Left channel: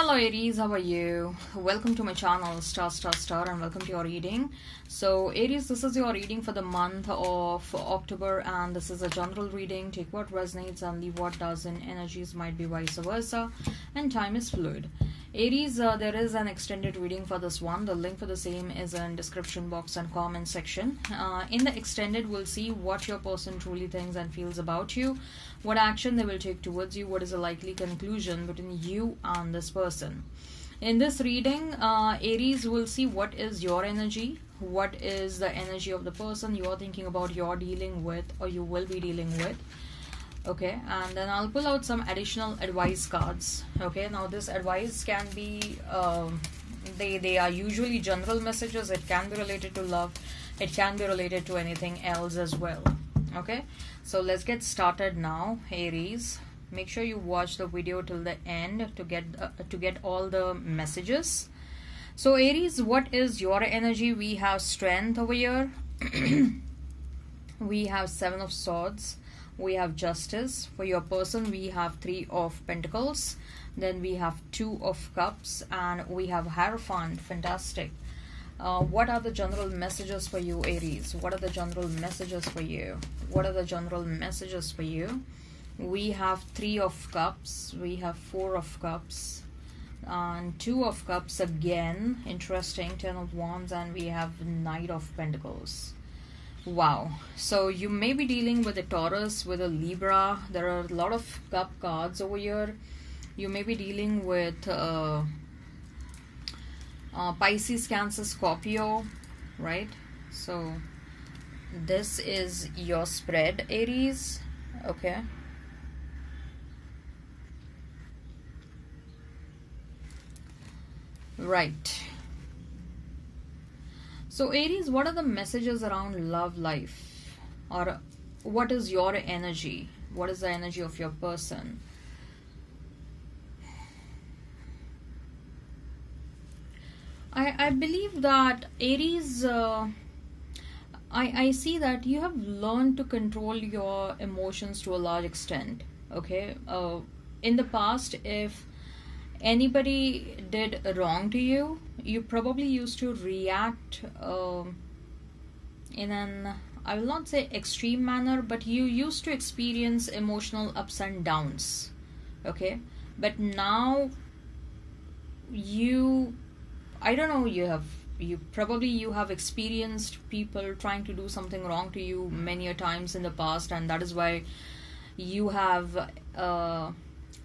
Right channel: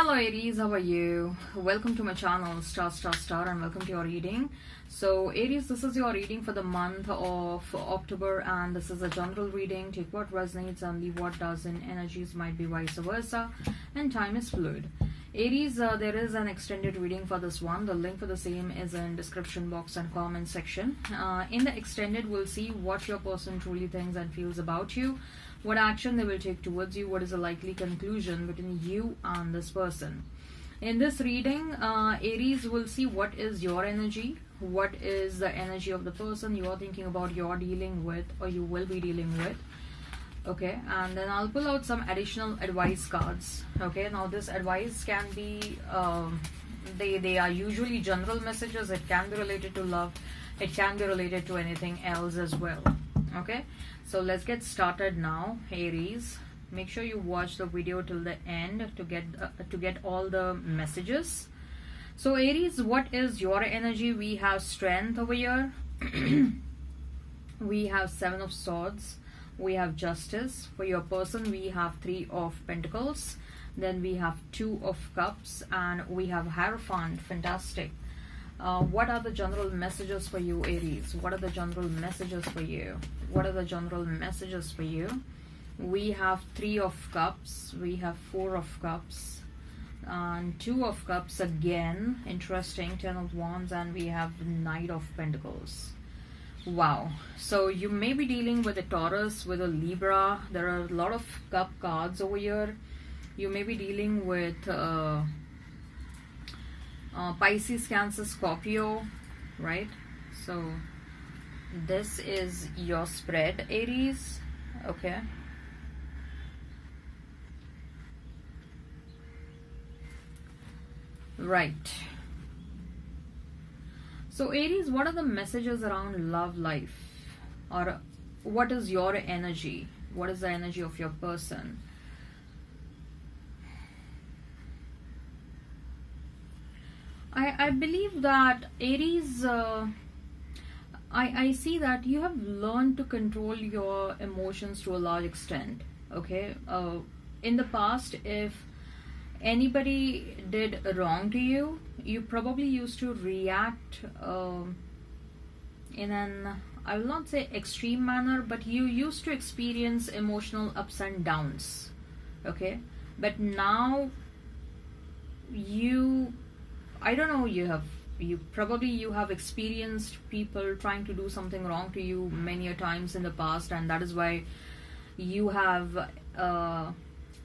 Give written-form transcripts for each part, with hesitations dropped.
Hello Aries, how are you? Welcome to my channel Star and welcome to your reading. So Aries, this is your reading for the month of October and this is a general reading. Take what resonates and leave what doesn't. Energies might be vice versa and time is fluid. Aries, there is an extended reading for this one. The link for the same is in description box and comment section. In the extended, we'll see what your person truly thinks and feels about you, what action they will take towards you, what is a likely conclusion between you and this person. In this reading, Aries will see what is your energy, what is the energy of the person you are thinking about, you're dealing with, or you will be dealing with. Okay, and then I'll pull out some additional advice cards. Okay, now this advice can be they are usually general messages. It can be related to love, it can be related to anything else as well. Okay, so let's get started now. Aries, make sure you watch the video till the end to get all the messages. So Aries, what is your energy? We have strength over here. We have 7 of Swords. We have Justice. For your person, we have 3 of Pentacles. Then we have 2 of Cups. And we have Hierophant. Fantastic. What are the general messages for you, Aries? What are the general messages for you? What are the general messages for you? We have 3 of Cups. We have 4 of Cups. And 2 of Cups again. Interesting. 10 of Wands. And we have Knight of Pentacles. Wow, so you may be dealing with a Taurus, with a Libra. There are a lot of cup cards over here. You may be dealing with Pisces, Cancer, Scorpio, right? So this is your spread, Aries. Okay, right. So Aries, what are the messages around love life? Or what is your energy? What is the energy of your person? I believe that Aries, I see that you have learned to control your emotions to a large extent. Okay, in the past, if anybody did wrong to you, you probably used to react in an, I will not say extreme manner, but you used to experience emotional ups and downs. Okay, but now I don't know, you have experienced people trying to do something wrong to you many a times in the past, and that is why you have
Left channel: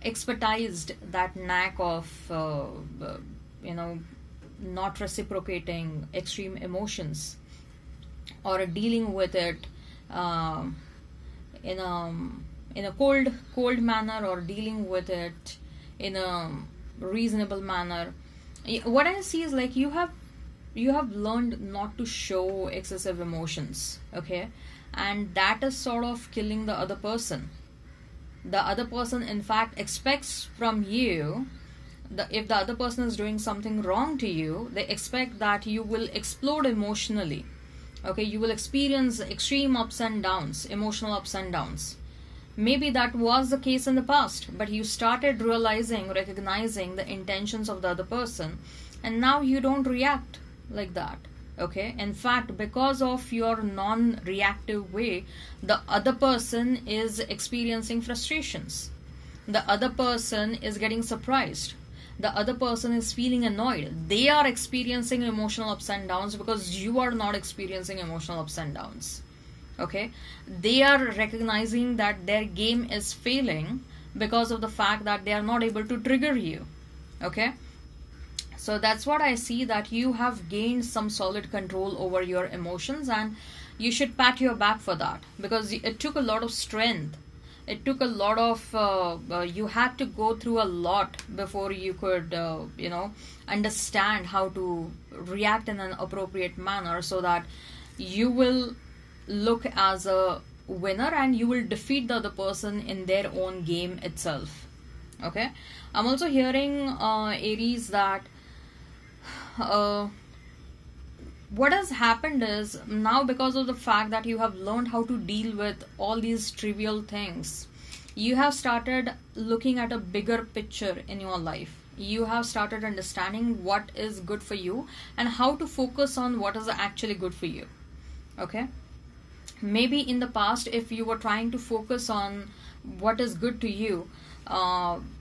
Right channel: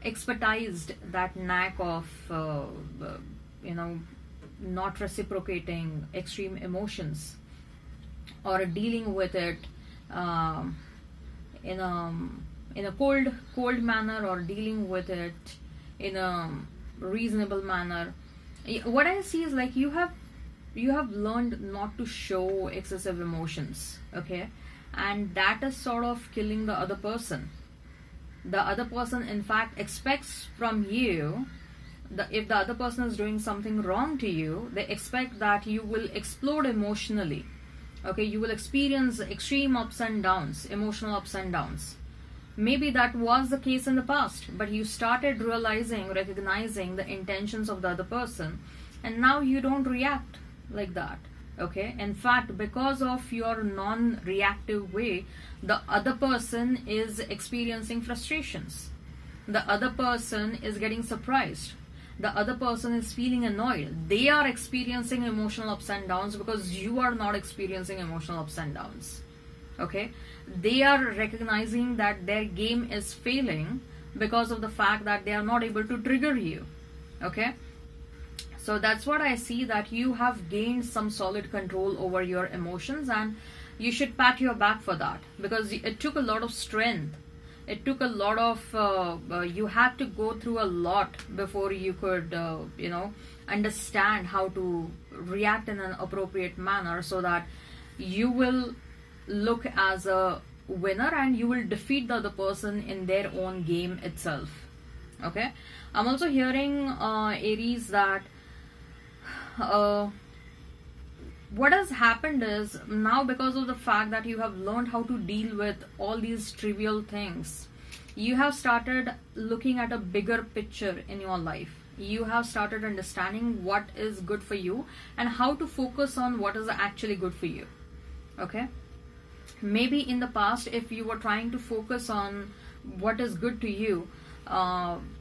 expertised that knack of not reciprocating extreme emotions or dealing with it in a cold manner, or dealing with it in a reasonable manner. What I see is like you have learned not to show excessive emotions. Okay, and that is sort of killing the other person. The other person in fact expects from you, if the other person is doing something wrong to you, they expect that you will explode emotionally. Okay, you will experience extreme ups and downs, emotional ups and downs. Maybe that was the case in the past, but you started recognizing the intentions of the other person, and now you don't react like that. Okay, in fact, because of your non-reactive way, the other person is experiencing frustrations. The other person is getting surprised. The other person is feeling annoyed. They are experiencing emotional ups and downs because you are not experiencing emotional ups and downs. Okay, they are recognizing that their game is failing because of the fact that they are not able to trigger you. Okay, so that's what I see, that you have gained some solid control over your emotions, and you should pat your back for that, because it took a lot of strength. It took a lot of you had to go through a lot before you could understand how to react in an appropriate manner, so that you will look as a winner and you will defeat the other person in their own game itself. Okay, I'm also hearing Aries that what has happened is, now because of the fact that you have learned how to deal with all these trivial things, you have started looking at a bigger picture in your life. You have started understanding what is good for you and how to focus on what is actually good for you. Okay, maybe in the past, if you were trying to focus on what is good to you,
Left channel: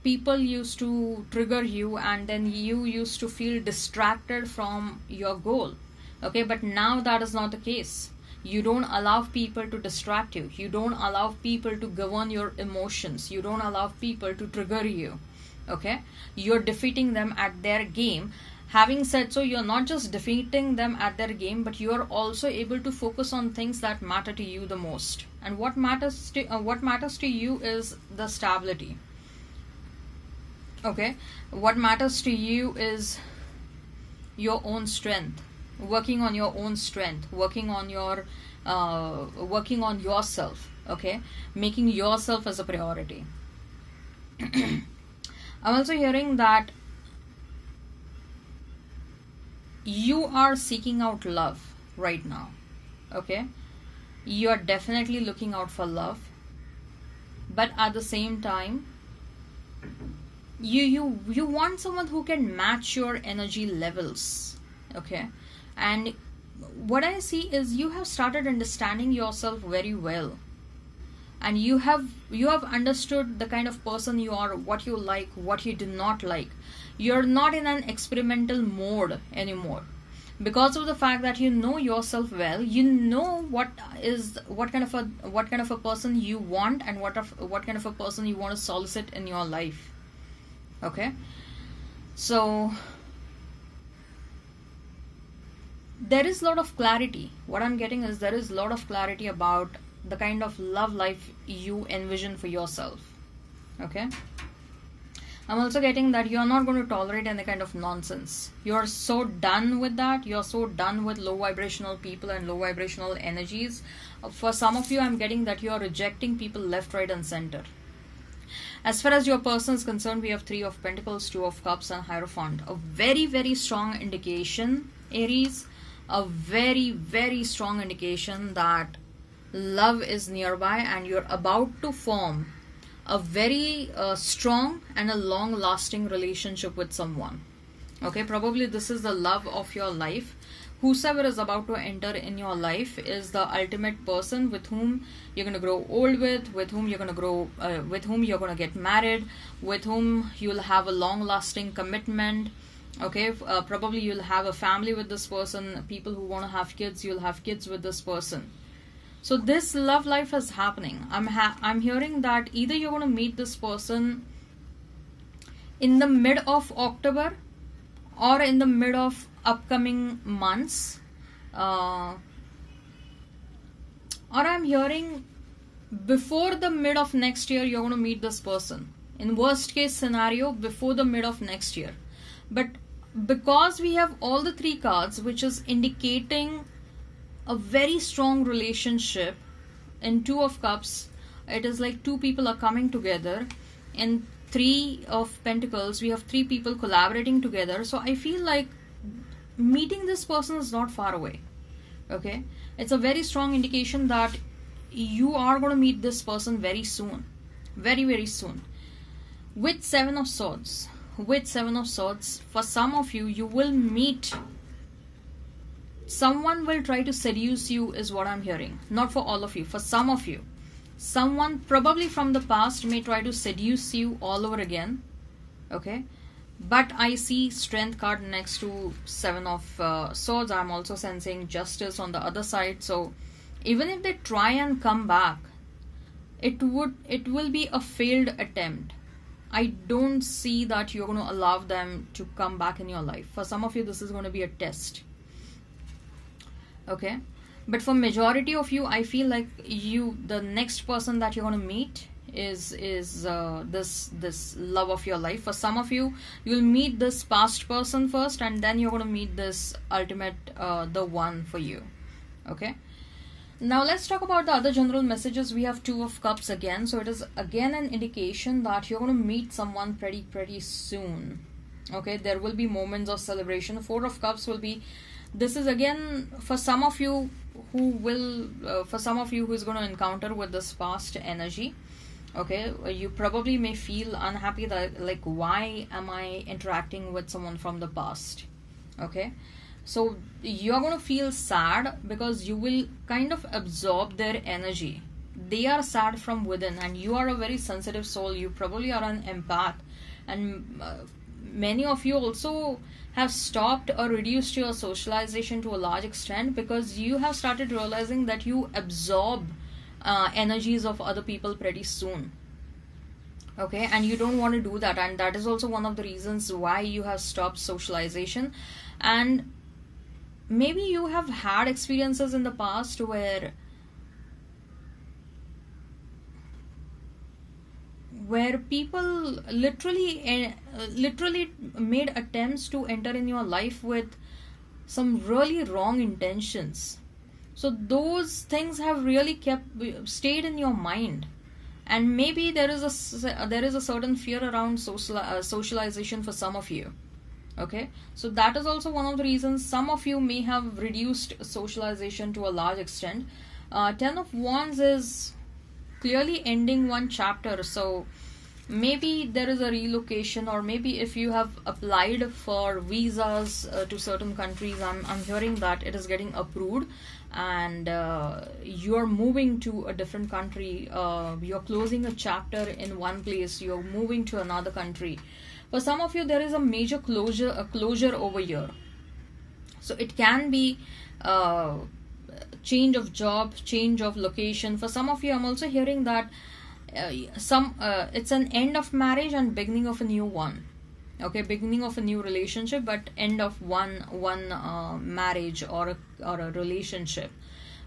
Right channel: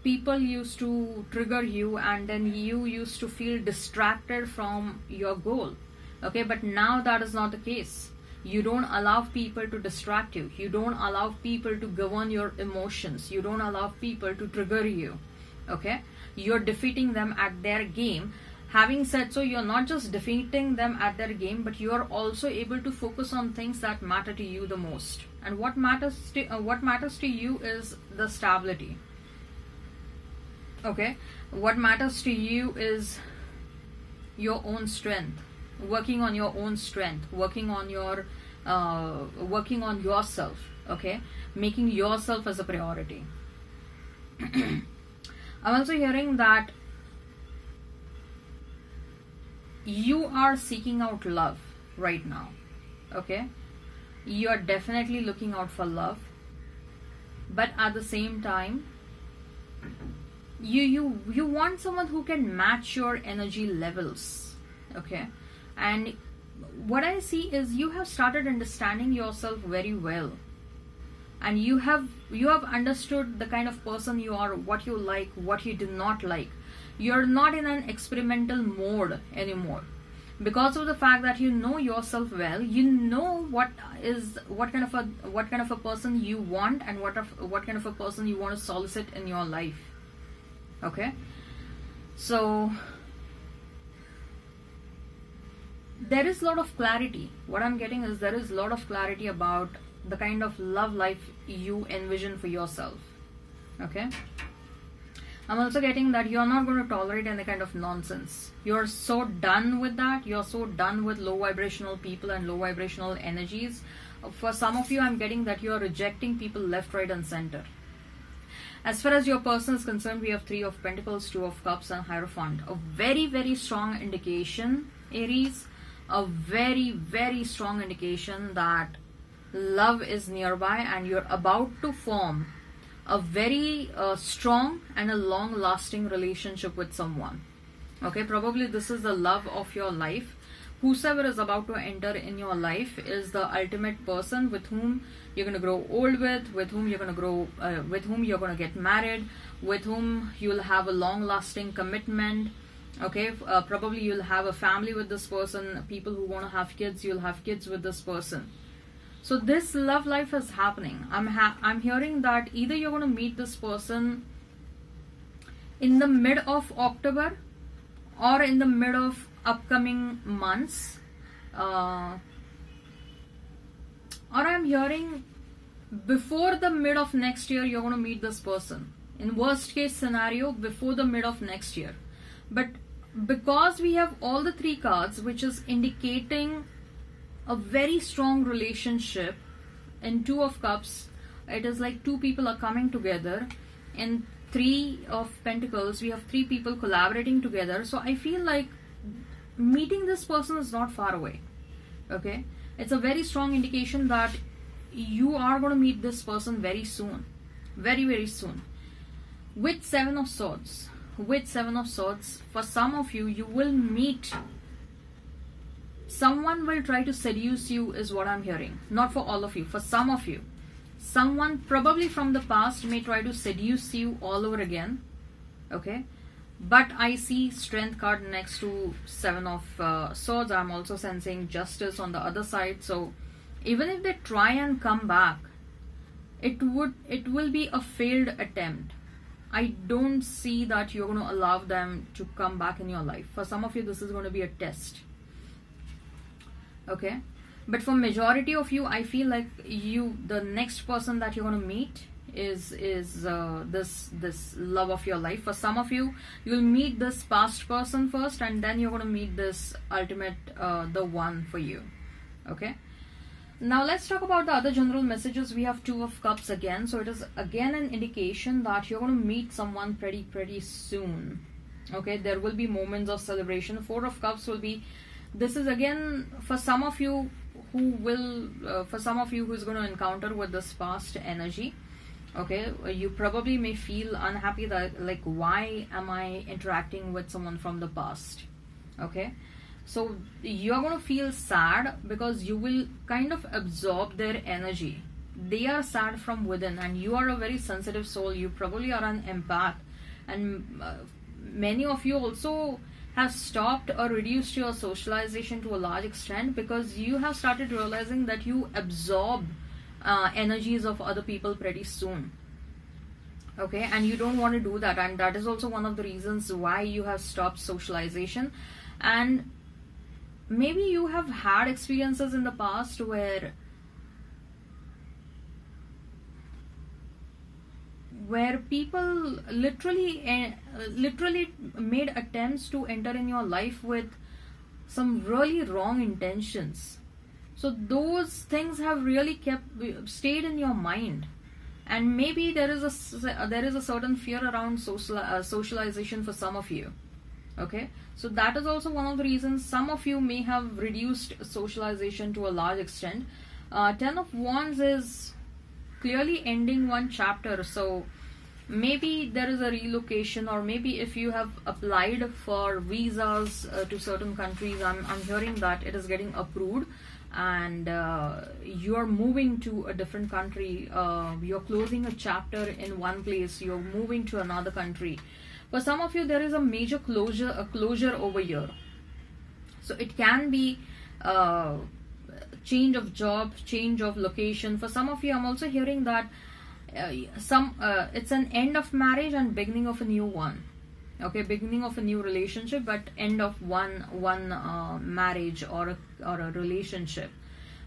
people used to trigger you, and then you used to feel distracted from your goal. Okay, but now that is not the case. You don't allow people to distract you. You don't allow people to govern your emotions. You don't allow people to trigger you. Okay, you're defeating them at their game. Having said so, you're not just defeating them at their game, but you are also able to focus on things that matter to you the most. And what matters to you is the stability. Okay, what matters to you is your own strength, working on your own strength, working on yourself. Okay, making yourself as a priority. I'm also hearing that you are seeking out love right now. Okay, you are definitely looking out for love, but at the same time, you want someone who can match your energy levels. Okay, and what I see is you have started understanding yourself very well, and you have understood the kind of person you are, what you like, what you do not like. You're not in an experimental mode anymore, because of the fact that you know yourself well. You know what kind of a person you want, and what kind of a person you want to solicit in your life. Okay, so there is a lot of clarity. What I'm getting is there is a lot of clarity about the kind of love life you envision for yourself. Okay, I'm also getting that you're not going to tolerate any kind of nonsense. You're so done with that. You're so done with low vibrational people and low vibrational energies. For some of you, I'm getting that you're rejecting people left, right, and center. As far as your person is concerned, we have 3 of Pentacles, 2 of Cups, and Hierophant. A very, very strong indication, Aries. A very, very strong indication that love is nearby, and you're about to form a very strong and a long-lasting relationship with someone. Okay, probably this is the love of your life. Whosoever is about to enter in your life is the ultimate person with whom you're going to grow old with whom you're going to grow, with whom you're going to get married, with whom you'll have a long-lasting commitment. Okay, probably you'll have a family with this person. People who want to have kids, you'll have kids with this person. So this love life is happening. I'm hearing that either you're going to meet this person in the mid of October or in the mid of upcoming months, or I'm hearing before the mid of next year you're going to meet this person. In worst case scenario, before the mid of next year. But because we have all the 3 cards, which is indicating a very strong relationship, in 2 of Cups, it is like 2 people are coming together. In 3 of Pentacles, we have 3 people collaborating together. So I feel like meeting this person is not far away. Okay, it's a very strong indication that you are going to meet this person very soon, very, very soon. With 7 of Swords, for some of you, you will meet someone will try to seduce you, is what I'm hearing. Not for all of you, for some of you. Someone probably from the past may try to seduce you all over again. Okay, but I see Strength card next to 7 of Swords. I'm also sensing Justice on the other side. So even if they try and come back, it will be a failed attempt. I don't see that you're going to allow them to come back in your life. For some of you, this is going to be a test. Okay, but for majority of you, I feel like the next person that you're going to meet is this love of your life. For some of you, you'll meet this past person first, and then you're going to meet this ultimate the one for you. Okay, now let's talk about the other general messages. We have 2 of Cups again, so it is again an indication that you're going to meet someone pretty soon. Okay, there will be moments of celebration. 4 of Cups will be, this is again for some of you who will, for some of you who's going to encounter with this past energy. Okay, you probably may feel unhappy that, like, why am I interacting with someone from the past? Okay, so you're going to feel sad because you will kind of absorb their energy. They are sad from within, and you are a very sensitive soul. You probably are an empath, and many of you also have stopped or reduced your socialization to a large extent because you have started realizing that you absorb energies of other people pretty soon. Okay, and you don't want to do that, and that is also one of the reasons why you have stopped socialization. And maybe you have had experiences in the past where people literally made attempts to enter in your life with some really wrong intentions. So those things have really stayed in your mind, and maybe there is a certain fear around socialization for some of you. Okay, so that is also one of the reasons some of you may have reduced socialization to a large extent. 10 of Wands is clearly ending one chapter, so maybe there is a relocation, or maybe if you have applied for visas to certain countries, I'm hearing that it is getting approved, and you're moving to a different country. You're closing a chapter in one place, you're moving to another country. For some of you, there is a major closure over here. So it can be change of job, change of location. For some of you, I'm also hearing that it's an end of marriage and beginning of a new one. Okay, beginning of a new relationship, but end of one marriage or a relationship.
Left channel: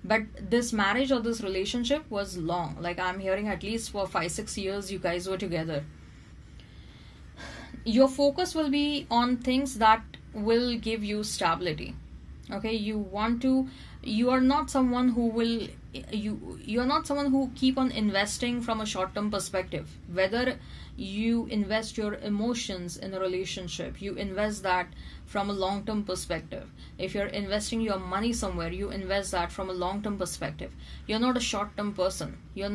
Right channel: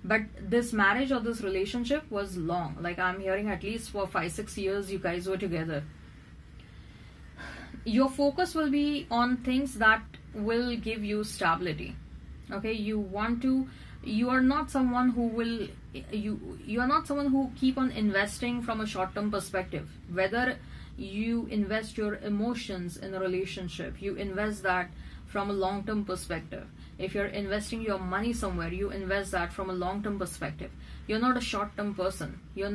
But this marriage or this relationship was long. Like, I'm hearing at least for 5-6 years you guys were together. Your focus will be on things that will give you stability. Okay, you are not someone who will you are not someone who keep on investing from a short-term perspective. Whether you invest your emotions in a relationship, you invest that from a long-term perspective. If you're investing your money somewhere, you invest that from a long-term perspective. You're not a short-term person. You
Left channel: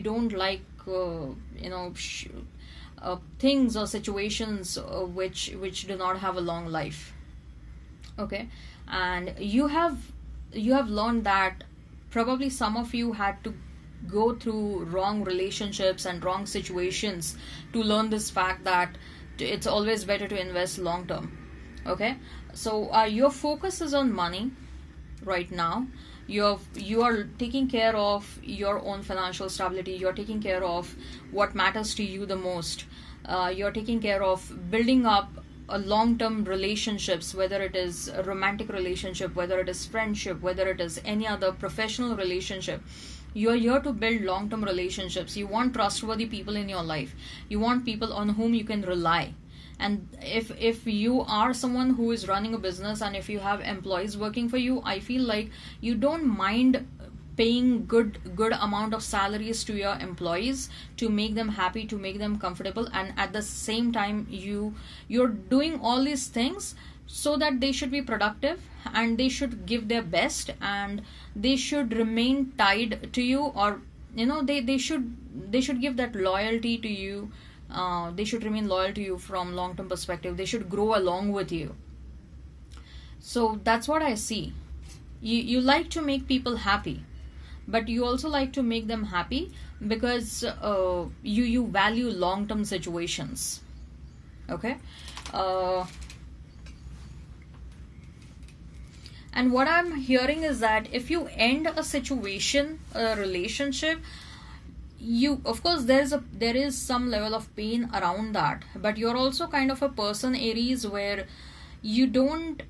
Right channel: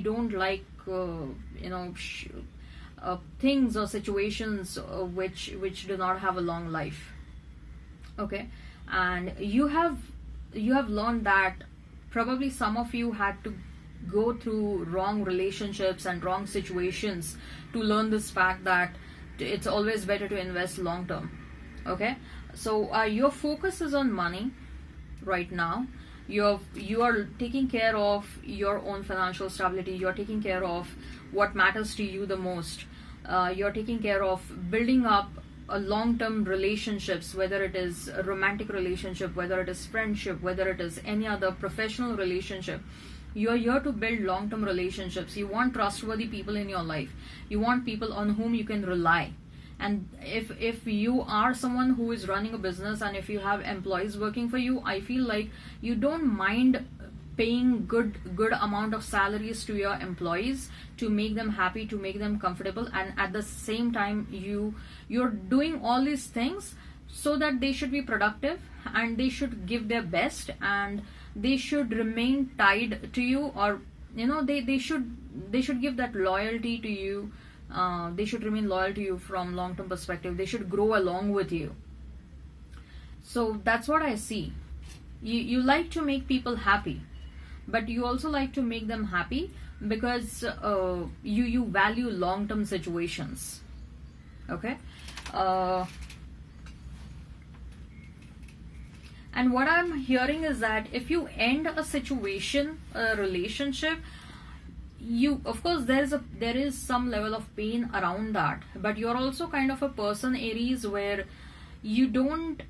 don't like things or situations which do not have a long life. Okay, and you have learned that probably some of you had to go through wrong relationships and wrong situations to learn this fact that it's always better to invest long term. Okay, so your focus is on money right now. You are taking care of your own financial stability. You're taking care of what matters to you the most. You're taking care of building up a long-term relationships, whether it is a romantic relationship, whether it is friendship, whether it is any other professional relationship. You're here to build long-term relationships. You want trustworthy people in your life. You want people on whom you can rely. And if you are someone who is running a business, and if you have employees working for you, I feel like you don't mind paying good amount of salaries to your employees to make them happy, to make them comfortable, and at the same time you're doing all these things so that they should be productive and they should give their best and they should remain tied to you, or they should give that loyalty to you. They should remain loyal to you from long-term perspective. They should grow along with you. So that's what I see. You like to make people happy, but you also like to make them happy because you value long-term situations. Okay, and what I'm hearing is that if you end a situation, a relationship, of course there is some level of pain around that, but you're also kind of a person, Aries, where you don't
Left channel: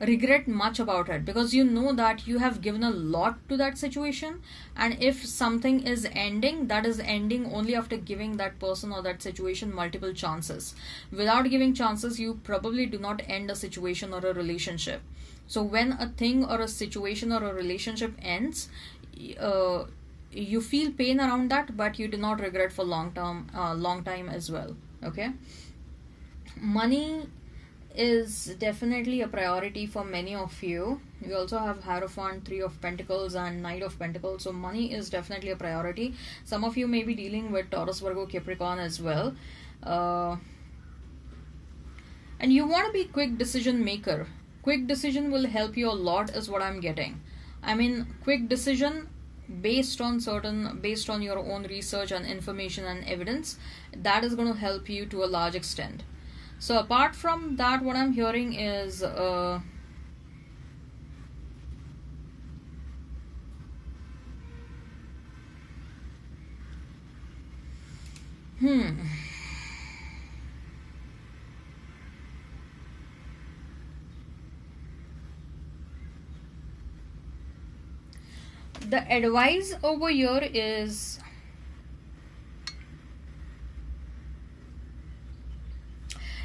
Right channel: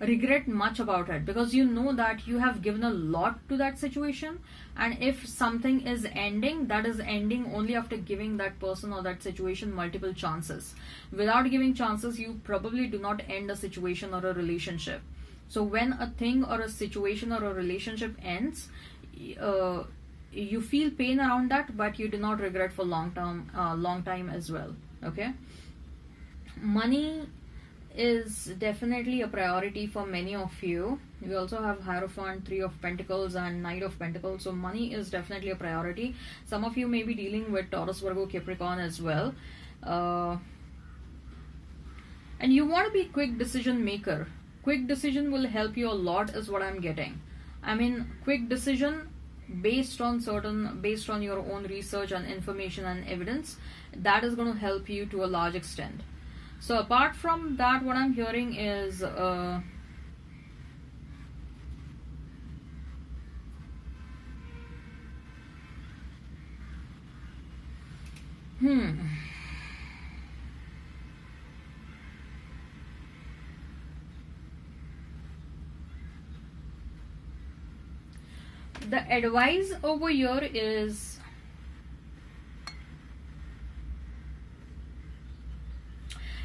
regret much about it, because you know that you have given a lot to that situation, and if something is ending, that is ending only after giving that person or that situation multiple chances. Without giving chances, you probably do not end a situation or a relationship. So when a thing or a situation or a relationship ends, you feel pain around that, but you do not regret for long time as well. Okay, money is definitely a priority for many of you. We also have Hierophant, Three of Pentacles, and Knight of Pentacles. So money is definitely a priority. Some of you may be dealing with Taurus, Virgo, Capricorn as well. And you want to be quick decision maker. Quick decision will help you a lot is what I'm getting. I mean, quick decision based on your own research and information and evidence, that is going to help you to a large extent. So apart from that, what I'm hearing is the advice over here is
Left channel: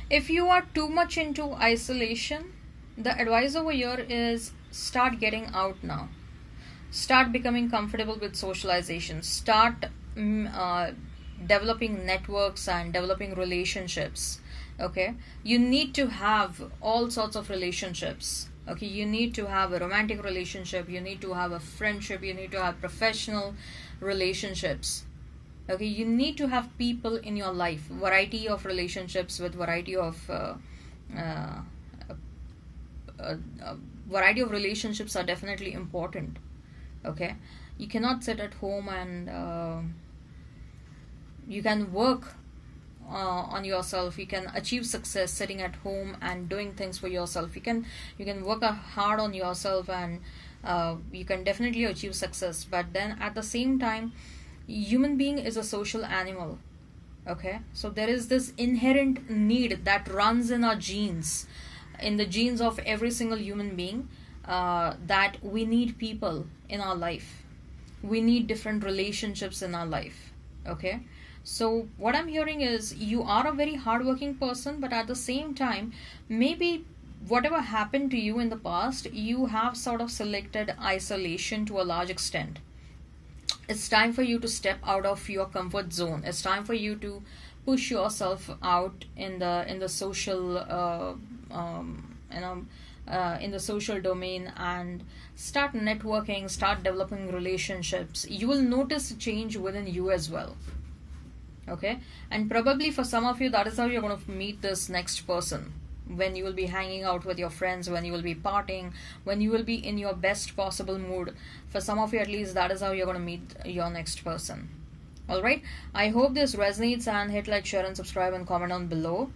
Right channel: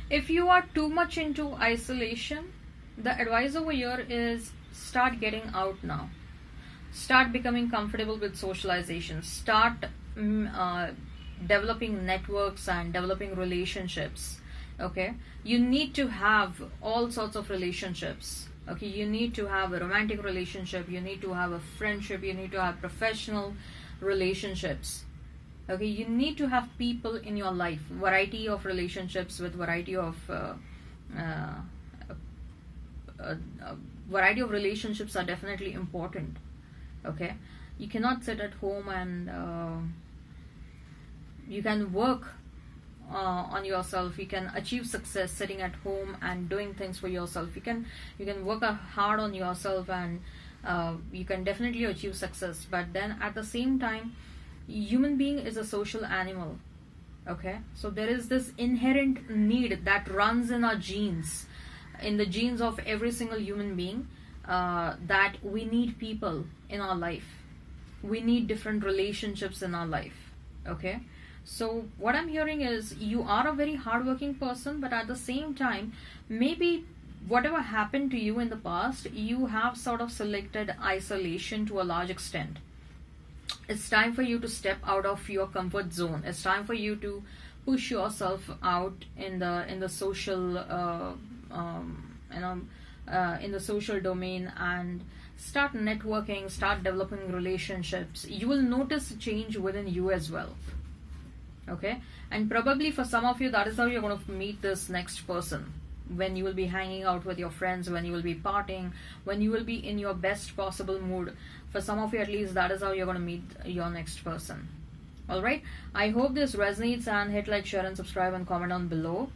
if you are too much into isolation, the advice over here is start getting out now. Start becoming comfortable with socialization. Start developing networks and developing relationships. Okay, you need to have all sorts of relationships. Okay, you need to have a romantic relationship, you need to have a friendship, you need to have professional relationships. Okay, you need to have people in your life, variety of relationships with variety of relationships are definitely important. Okay, you cannot sit at home and you can work on yourself. You can achieve success sitting at home and doing things for yourself. You can work hard on yourself and you can definitely achieve success. But then at the same time, human being is a social animal. Okay, so there is this inherent need that runs in our genes, in the genes of every single human being, that we need people in our life. We need different relationships in our life. Okay, so what I'm hearing is you are a very hardworking person, but at the same time, maybe whatever happened to you in the past, you have sort of selected isolation to a large extent. It's time for you to step out of your comfort zone. It's time for you to push yourself out in the social in the social domain and start networking, start developing relationships. You will notice a change within you as well. Okay, and probably for some of you, that is how you're going to meet this next person. When you will be hanging out with your friends, when you will be partying, when you will be in your best possible mood. For some of you at least, that is how you're going to meet your next person. Alright, I hope this resonates, and hit like, share and subscribe and comment down below.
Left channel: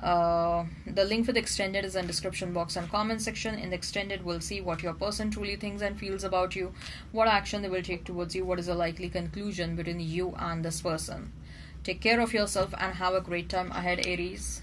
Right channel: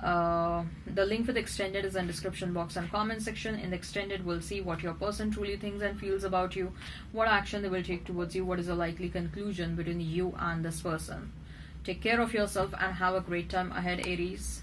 The link for the extended is in description box and comment section. In the extended, we'll see what your person truly thinks and feels about you, what action they will take towards you, what is a likely conclusion between you and this person. Take care of yourself and have a great time ahead, Aries.